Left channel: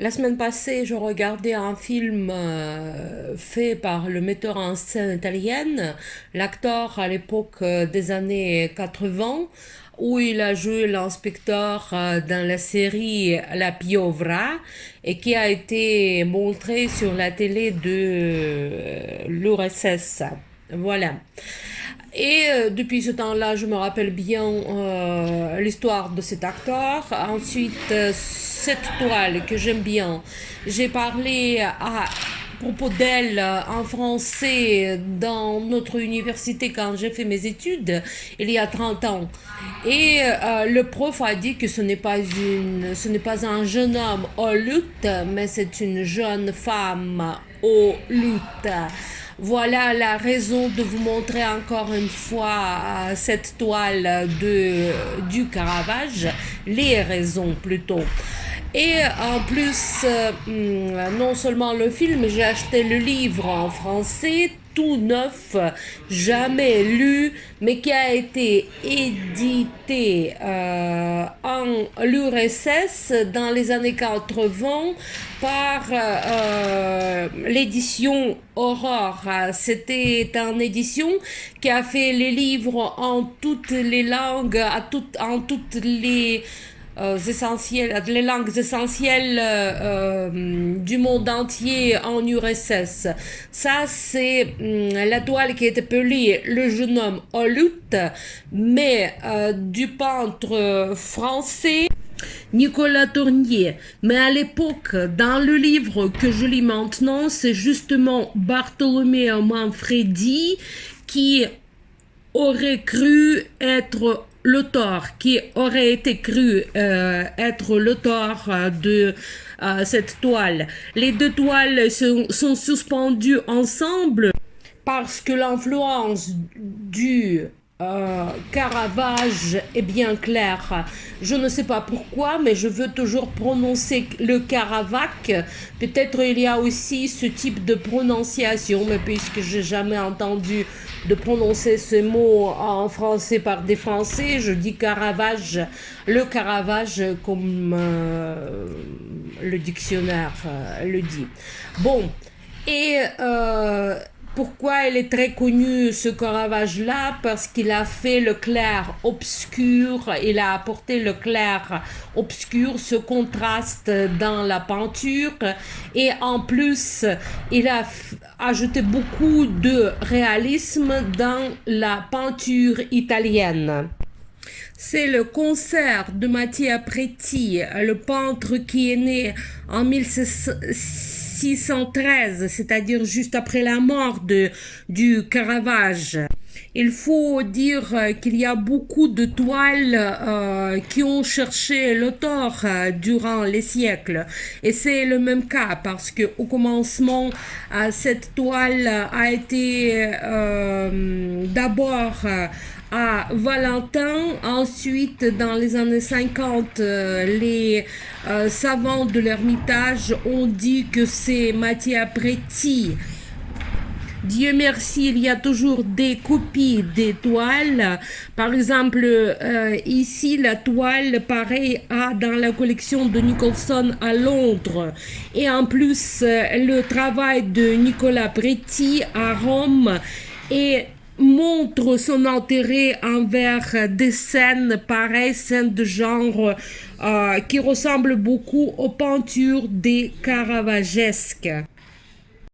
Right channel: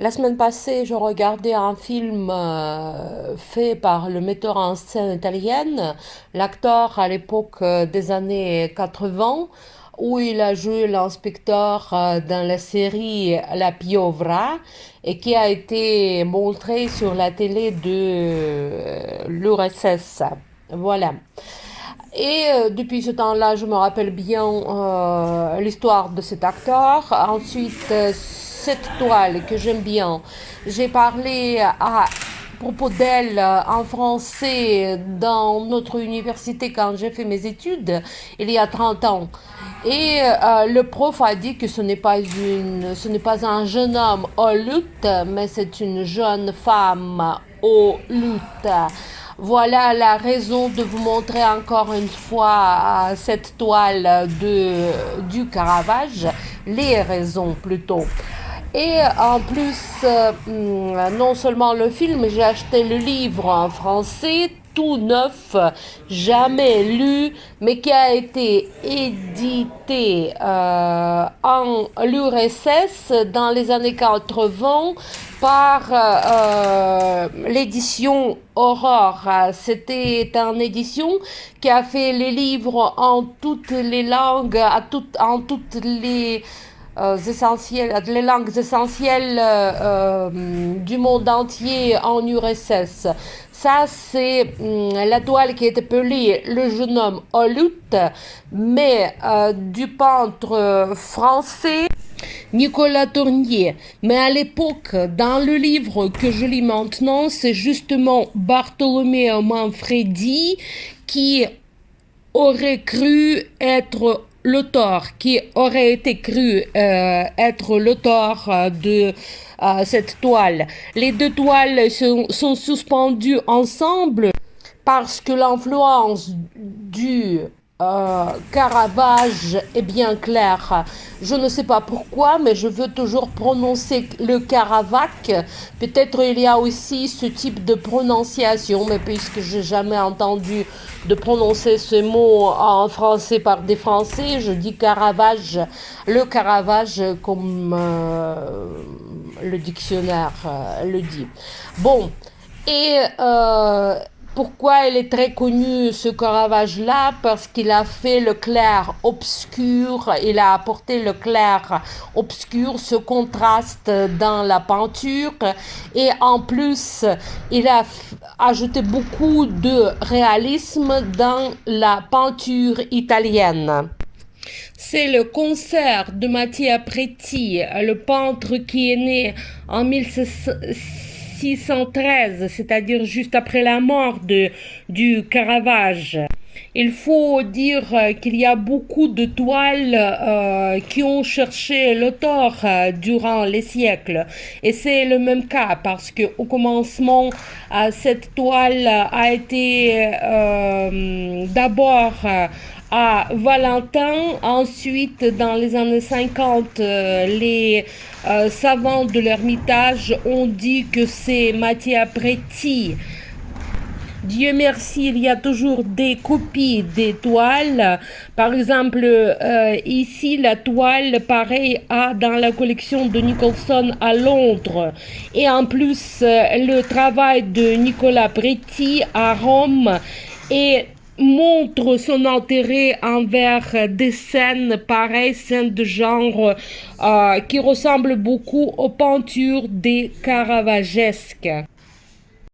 La semaine passée, je regardais un film fait par le metteur en scène italienne, l'acteur à l'époque des années 80, où il a joué l'inspecteur dans la série La Piovra et qui a été montré sur la télé de l'URSS. Voilà. Et depuis ce temps-là, je me rappelle bien l'histoire de cet acteur. Ensuite, cette toile que j'aime bien, j'ai parlé à propos d'elle en français dans notre université quand j'ai fait mes études il y a 30 ans. Et le prof a dit que ce n'est pas un jeune homme au lutte, mais c'est une jeune femme au lutte. Voilà la raison de vous montrer encore une fois cette toile du Caravage, les raisons plutôt. Et en plus, non seulement le film, j'ai acheté le livre en français, tout neuf, jamais lu, mais qui a été édité en l'URSS dans les années 80 par l'édition Aurore. C'était une édition qui a fait les livres en toutes les langues, en toutes les langues essentielles du monde entier en URSS. Ça, c'est la toile qui est appelée Le jeune homme au lutte, mais du peintre français Nicolas Tournier. Mais à l'époque, dans le livre que je lis maintenant, c'est justement Bartholoméo Manfredi qui aurait cru être l'auteur, qui aurait été cru être l'auteur de cette toile. Les deux toiles sont suspendues ensemble parce que l'influence du Caravage est bien claire. Je ne sais pas pourquoi, mais je veux toujours prononcer le Caravac. Peut-être il y a aussi ce type de prononciation, mais puisque j'ai jamais entendu de prononcer ce mot en français par des Français, je dis Caravage, le Caravage comme le dictionnaire le dit. Bon, et pourquoi il est très connu ce Caravage-là? Parce qu'il a fait le clair obscur, il a apporté le clair obscur, ce contraste dans la peinture, et en plus il a ajouté beaucoup de réalisme dans la peinture italienne. C'est le concert de Mattia Preti, le peintre qui est né en 1613, c'est-à-dire juste après la mort du Caravage. Il faut dire qu'il y a beaucoup de toiles qui ont cherché l'auteur durant les siècles. Et c'est le même cas parce qu'au commencement, cette toile a été d'abord à Valentin. Ensuite, dans les années 50, les savants de l'Ermitage ont dit que c'est Mattia Preti. Dieu merci, il y a toujours des copies des toiles. Par exemple, ici, la toile, pareil, dans la collection de Nicholson à Londres. Et en plus, le travail de Nicolas Preti à Rome montre son intérêt envers des scènes pareilles, scènes de genre qui ressemblent beaucoup aux peintures des Caravagesques.